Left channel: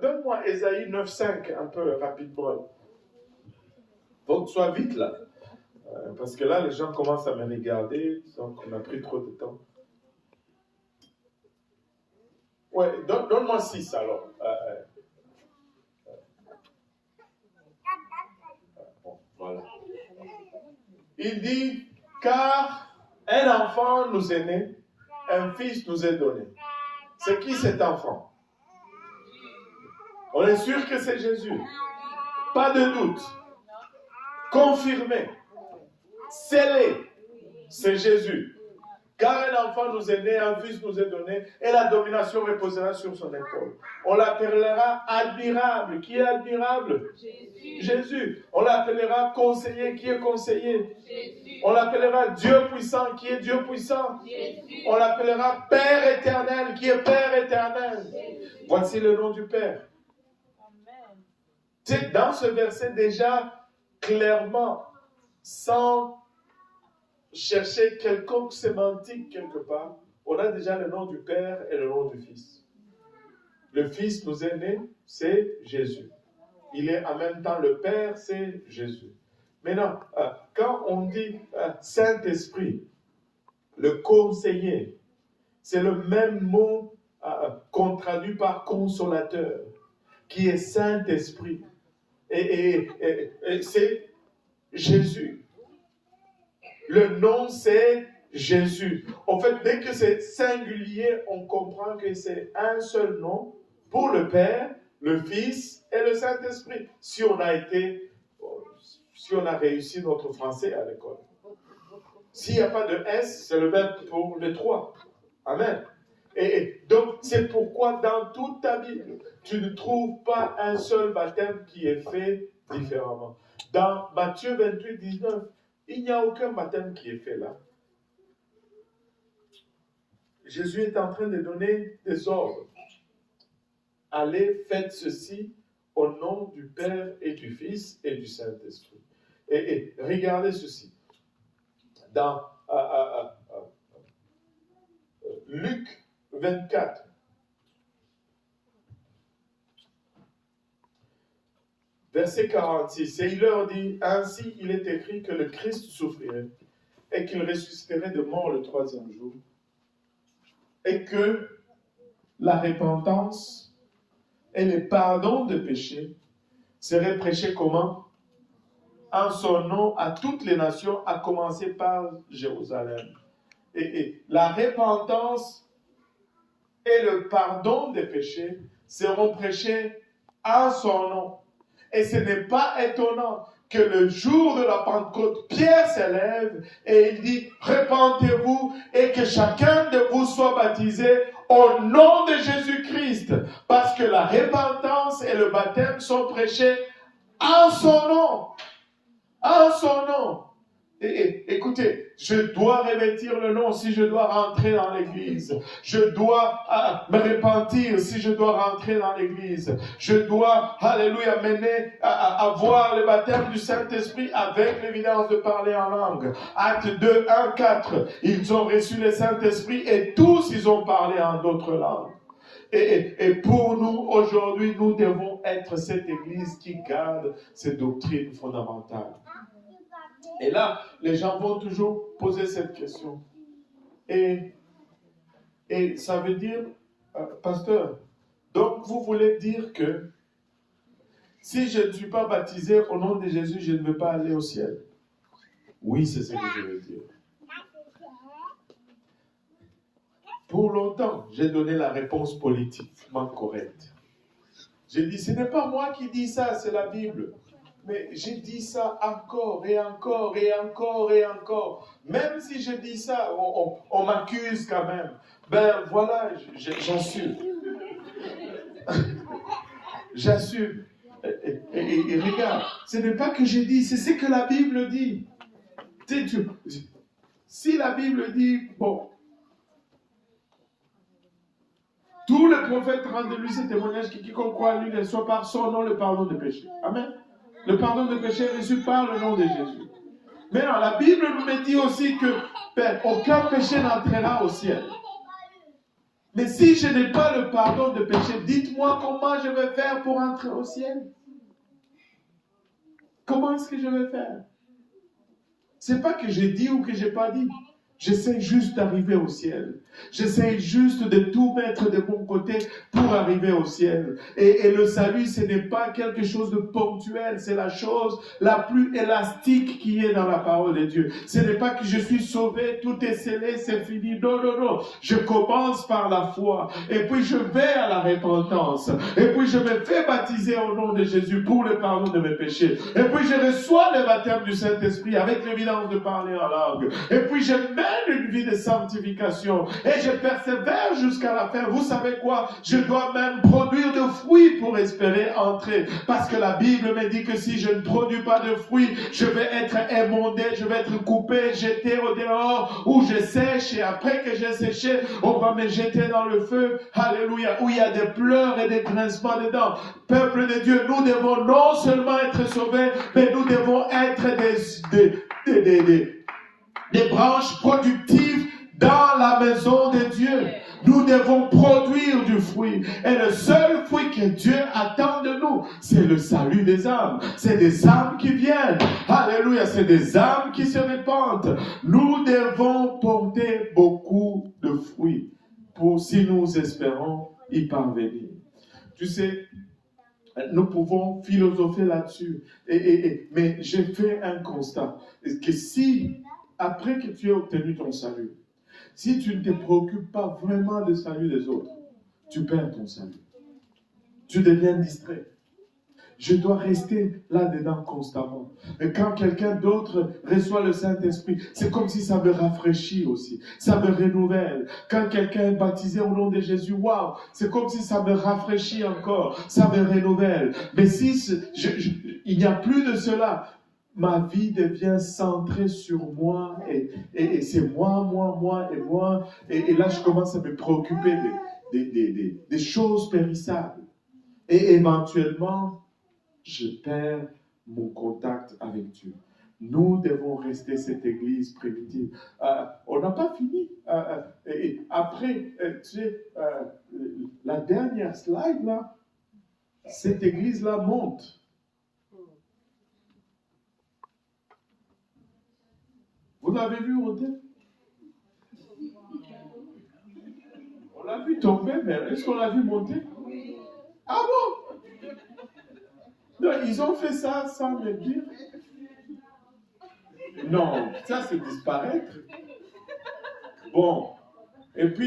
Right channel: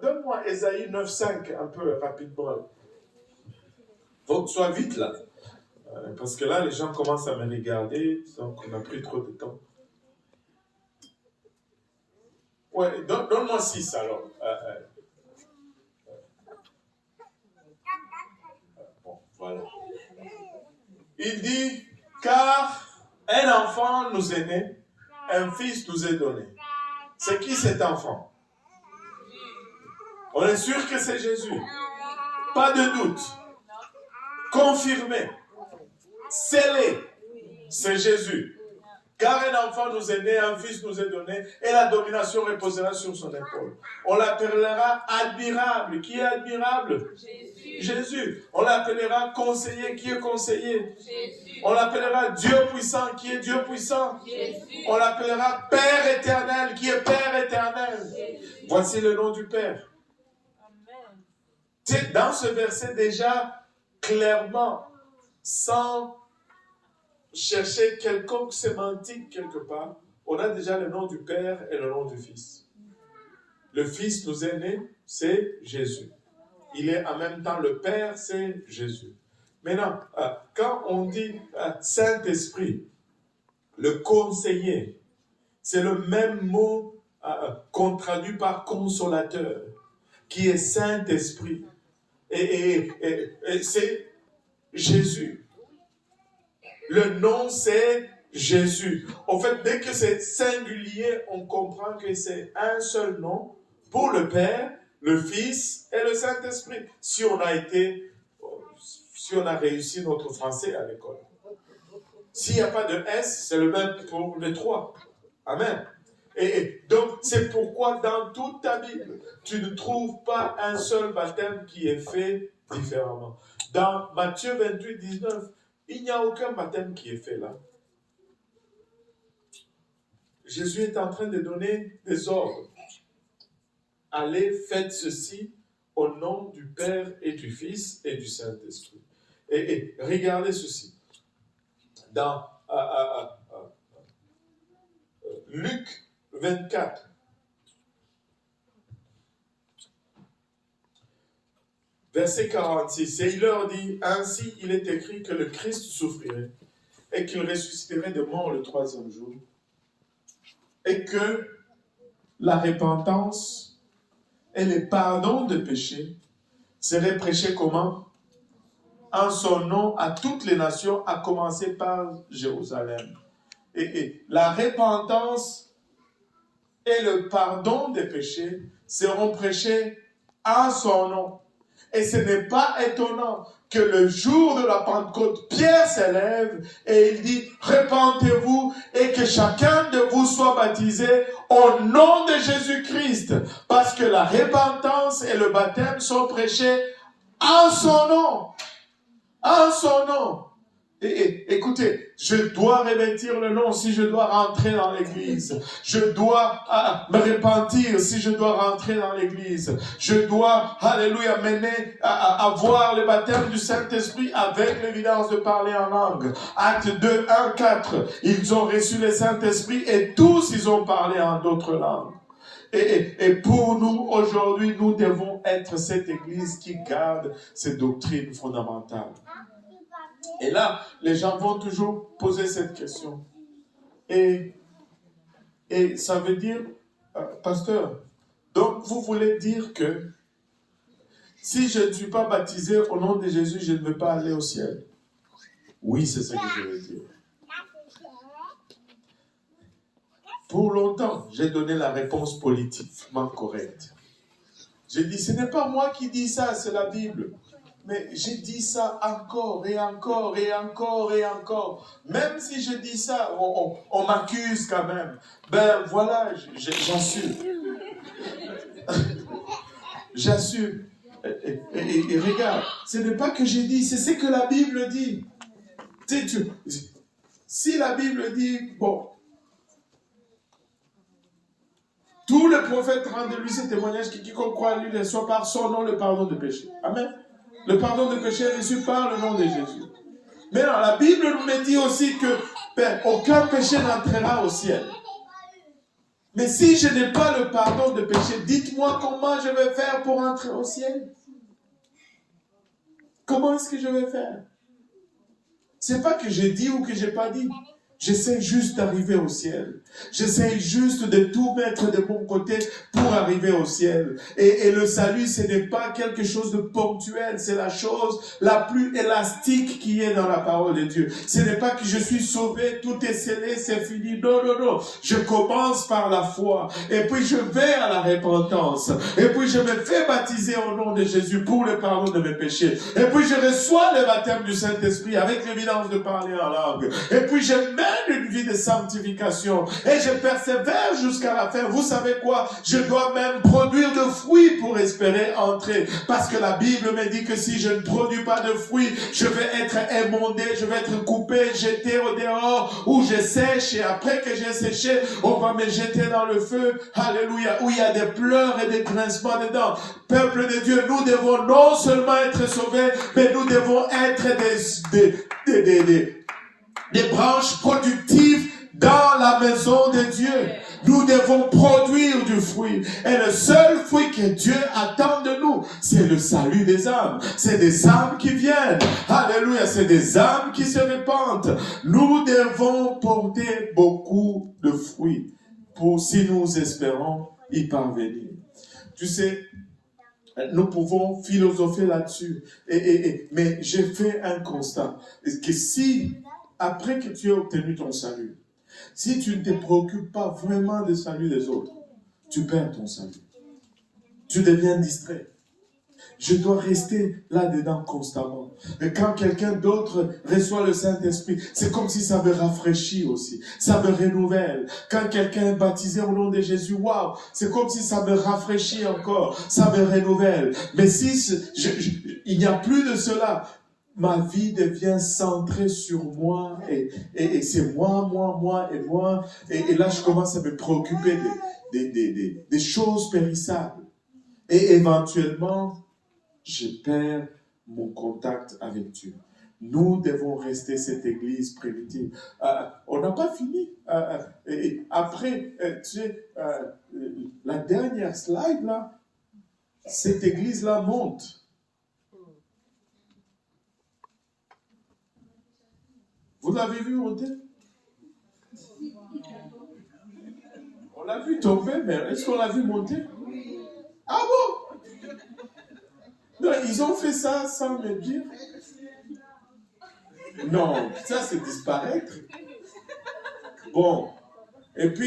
Donne-moi Ésaïe 9,5 un peu rapidement. Faut que sois vite là. Parce que là, les gens commencent à me regarder, donc on a pris trop de temps. Ouais, donne-moi 6 alors. Bon, voilà. Il dit, car un enfant nous est né, un fils nous est donné. C'est qui cet enfant? On est sûr que c'est Jésus. Pas de doute. Confirmé. Scellé. C'est Jésus. Car un enfant nous est né, un fils nous est donné, et la domination reposera sur son épaule. On l'appellera admirable. Qui est admirable? Jésus. Jésus. On l'appellera conseiller. Qui est conseiller? Jésus. On l'appellera Dieu puissant. Qui est Dieu puissant? Jésus. On l'appellera Père éternel. Qui est Père éternel? Jésus. Voici le nom du Père. Amen. C'est dans ce verset déjà, clairement, sans chercher quelconque sémantique quelque part, on a déjà le nom du Père et le nom du Fils. Le Fils nous est né, c'est Jésus. Il est en même temps le Père, c'est Jésus. Maintenant, quand on dit Saint-Esprit, le conseiller, c'est le même mot qu'on traduit par consolateur, qui est Saint-Esprit. Et c'est Jésus. Le nom, c'est Jésus. En fait, dès que c'est singulier, on comprend que c'est un seul nom pour le Père, le Fils et le Saint-Esprit. Si on a réussi notre français à l'école. S'il n'y a pas de S, c'est le même pour les trois. Amen. Et donc, c'est pourquoi dans toute ta Bible, tu ne trouves pas un seul baptême qui est fait différemment. Dans Matthieu 28, 19, il n'y a aucun baptême qui est fait là. Jésus est en train de donner des ordres. Allez, faites ceci au nom du Père et du Fils et du Saint-Esprit. Et regardez ceci. Dans Luc 24, verset 46, et il leur dit, ainsi il est écrit que le Christ souffrirait et qu'il ressusciterait de mort le troisième jour et que la repentance et le pardon de péchés seraient prêchés comment? En son nom à toutes les nations, à commencer par Jérusalem. Et la repentance et le pardon des péchés seront prêchés en son nom. Et ce n'est pas étonnant que le jour de la Pentecôte, Pierre s'élève et il dit « Repentez-vous et que chacun de vous soit baptisé au nom de Jésus-Christ. » Parce que la repentance et le baptême sont prêchés en son nom. En son nom. Et écoutez, je dois revêtir le nom si je dois rentrer dans l'église. Je dois me repentir si je dois rentrer dans l'église. Je dois, alléluia, mener à avoir le baptême du Saint-Esprit avec l'évidence de parler en langue. Acte 2, 1, 4. Ils ont reçu le Saint-Esprit et tous ils ont parlé en d'autres langues. Et pour nous, aujourd'hui, nous devons être cette église qui garde ces doctrines fondamentales. Et là, les gens vont toujours poser cette question. Et ça veut dire, pasteur, donc vous voulez dire que si je ne suis pas baptisé au nom de Jésus, je ne veux pas aller au ciel? Oui, c'est ce que je veux dire. Pour longtemps, j'ai donné la réponse politiquement correcte. J'ai dit, ce n'est pas moi qui dis ça, c'est la Bible. Mais j'ai dit ça encore et encore et encore et encore. Même si je dis ça, on m'accuse quand même. Ben voilà, j'assume. J'assume. Et regarde, ce n'est pas que j'ai dit, c'est ce que la Bible dit. Si la Bible dit, bon, tous les prophètes rendent de lui ce témoignage que quiconque croit en lui reçoit par son nom le pardon de péché. Amen. Le pardon de péché est reçu par le nom de Jésus. Mais non, la Bible nous dit aussi que aucun péché n'entrera au ciel. Mais si je n'ai pas le pardon de péché, dites-moi comment je vais faire pour entrer au ciel. Comment est-ce que je vais faire? C'est pas que j'ai dit ou que j'ai pas dit. J'essaie juste d'arriver au ciel. J'essaie juste de tout mettre de mon côté pour arriver au ciel. Et le salut, ce n'est pas quelque chose de ponctuel. C'est la chose la plus élastique qui est dans la parole de Dieu. Ce n'est pas que je suis sauvé, tout est scellé, c'est fini. Non, non, non. Je commence par la foi. Et puis je vais à la repentance. Et puis je me fais baptiser au nom de Jésus pour le pardon de mes péchés. Et puis je reçois le baptême du Saint-Esprit avec l'évidence de parler en langue. Et puis je mène une vie de sanctification et je persévère jusqu'à la fin. Vous savez quoi? Je dois même produire de fruits pour espérer entrer, parce que la Bible me dit que si je ne produis pas de fruits, je vais être émondé, je vais être coupé, jeté au dehors, où je sèche, et après que j'ai séché, on va me jeter dans le feu. Alléluia, où il y a des pleurs et des grincements dedans. Peuple de Dieu, nous devons non seulement être sauvés, mais nous devons être des branches productives dans la maison de Dieu. Nous devons produire du fruit. Et le seul fruit que Dieu attend de nous, c'est le salut des âmes. C'est des âmes qui viennent. Alléluia, c'est des âmes qui se répandent. Nous devons porter beaucoup de fruits si nous espérons y parvenir. Tu sais, nous pouvons philosopher là-dessus. Mais j'ai fait un constat. Que si, après que tu aies obtenu ton salut, si tu ne te préoccupes pas vraiment du salut des autres, tu perds ton salut. Tu deviens distrait. Je dois rester là-dedans constamment. Et quand quelqu'un d'autre reçoit le Saint-Esprit, c'est comme si ça me rafraîchit aussi. Ça me renouvelle. Quand quelqu'un est baptisé au nom de Jésus, waouh, c'est comme si ça me rafraîchit encore. Ça me renouvelle. Mais si il n'y a plus de cela, ma vie devient centrée sur moi et c'est moi. Et là, je commence à me préoccuper des choses périssables. Et éventuellement, je perds mon contact avec Dieu. Nous devons rester cette église primitive. On n'a pas fini. Et après, tu sais, la dernière slide, là, cette église-là monte. Vous l'avez vu monter? On l'a vu tomber, mais est-ce qu'on l'a vu monter? Ah bon? Non, ils ont fait ça sans me dire. Non, ça c'est disparaître. Bon, et puis